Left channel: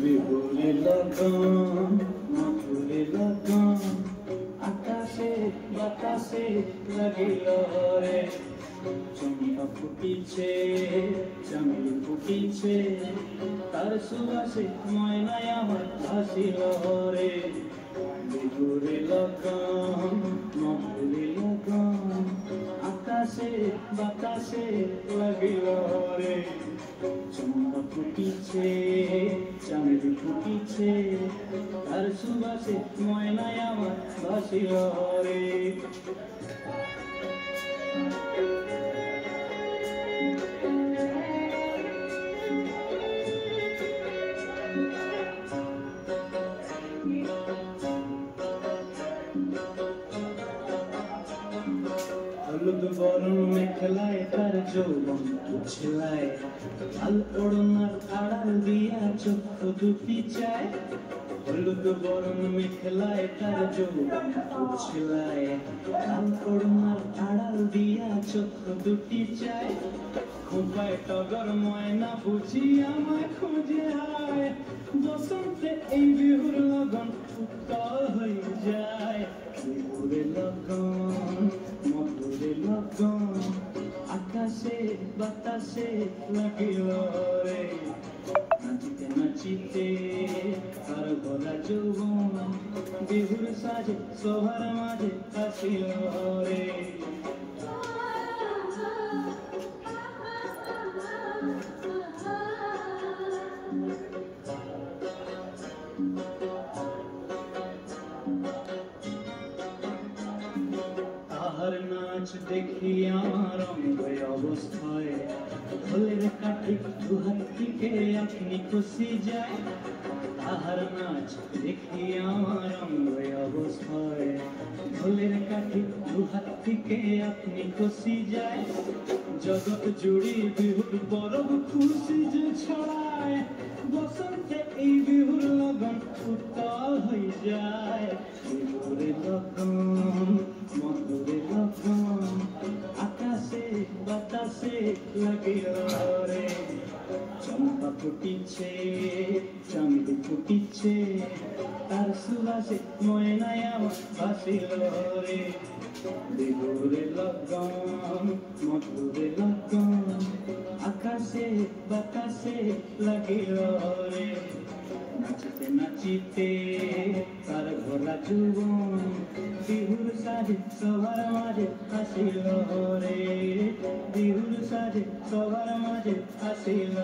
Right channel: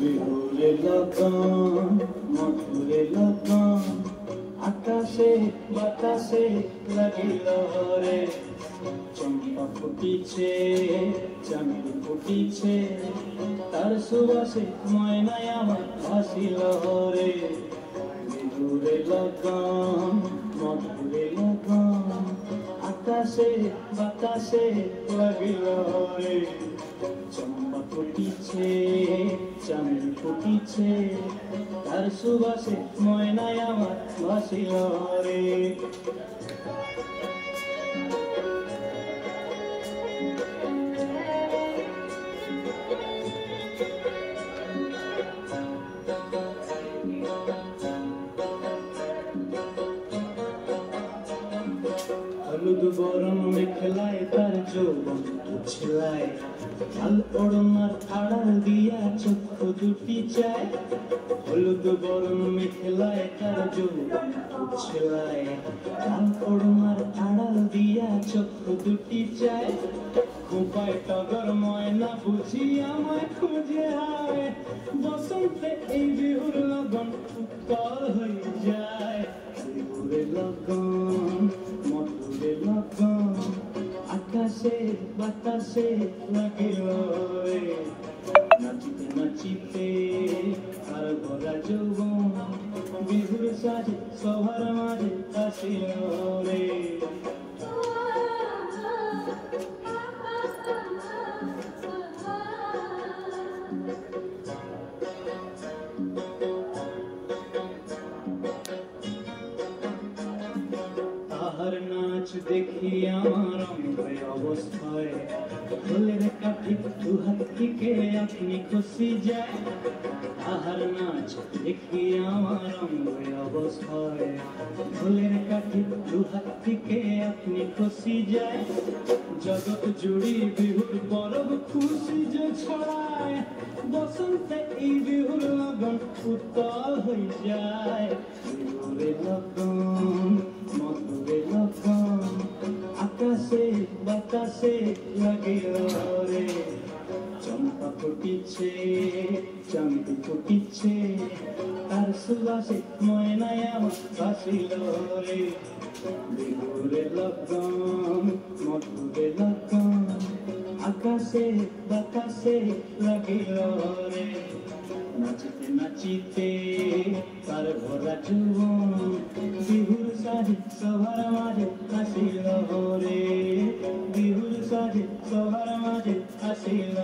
বিহুরে লগন মধুরে লগন আকাশে বাতাসে লাগিল রে চম্পা ফুটিছে চামেলি ফুটিছে তার সুবাসে ময়নায় আমার ভাসিল রে বিহুরে লগন মধুরে লগন আকাশে বাতাসে লাগিল রে চম্পা ফুটিছে চামেলি ফুটিছে তার সুবাসে ময়নায় আমার ভাসিল রে হলুদ বরণ মেখলায় তার যৌবন উছলায় লাল ওড়নার আড়াল দিয়া চক্ষু দুটি চায় হলুদ বরণ মেখলায় তার যৌবন উছলায় লাল ওড়নার আড়াল দিয়া চক্ষু দুটি চায় খোঁপায় টগর ময়না বুঝি আমায় খুঁজে আয় বসন্তে এই বিহুর লগন উত্তল হয়ে যায় বিহুরে লগন মধুরে লগন আকাশে বাতাসে লাগিল রে নাচিতে নাচিতে আর ভরা যৌবন বিহুর সাজে সবার মাঝে আসিল রে তাহার নাচ দেখি আমার অঙ্গে অবস্থায় ফুলের কাঠি দুহাত থেকে আপনি খুশি যায় তাহার নাচ দেখি আমার অঙ্গে অবস্থায় ফুলের কাঠি দুহাত থেকে আপনি খুশি যায় জগৎ জুড়ি বিহুর পরব খুশি যে ছড়ায় বসন্তে এই বিহুর লগন উত্তল হয়ে যায় বিহুরে লগন মধুরে লগন আকাশে বাতাসে লাগিল রে চম্পা ফুটিছে চামেলি ফুটিছে তার সুবাসে ময়নায় আমার ভাসিল রে বিহুরে লগন মধুরে লগন আকাশে বাতাসে লাগিল রে নাচিতে নাচিতে তার ভরা যৌবন বিহুর সাজে সবার মাঝে আসিল রে বিহুর সাজে সবার মাঝে আসিল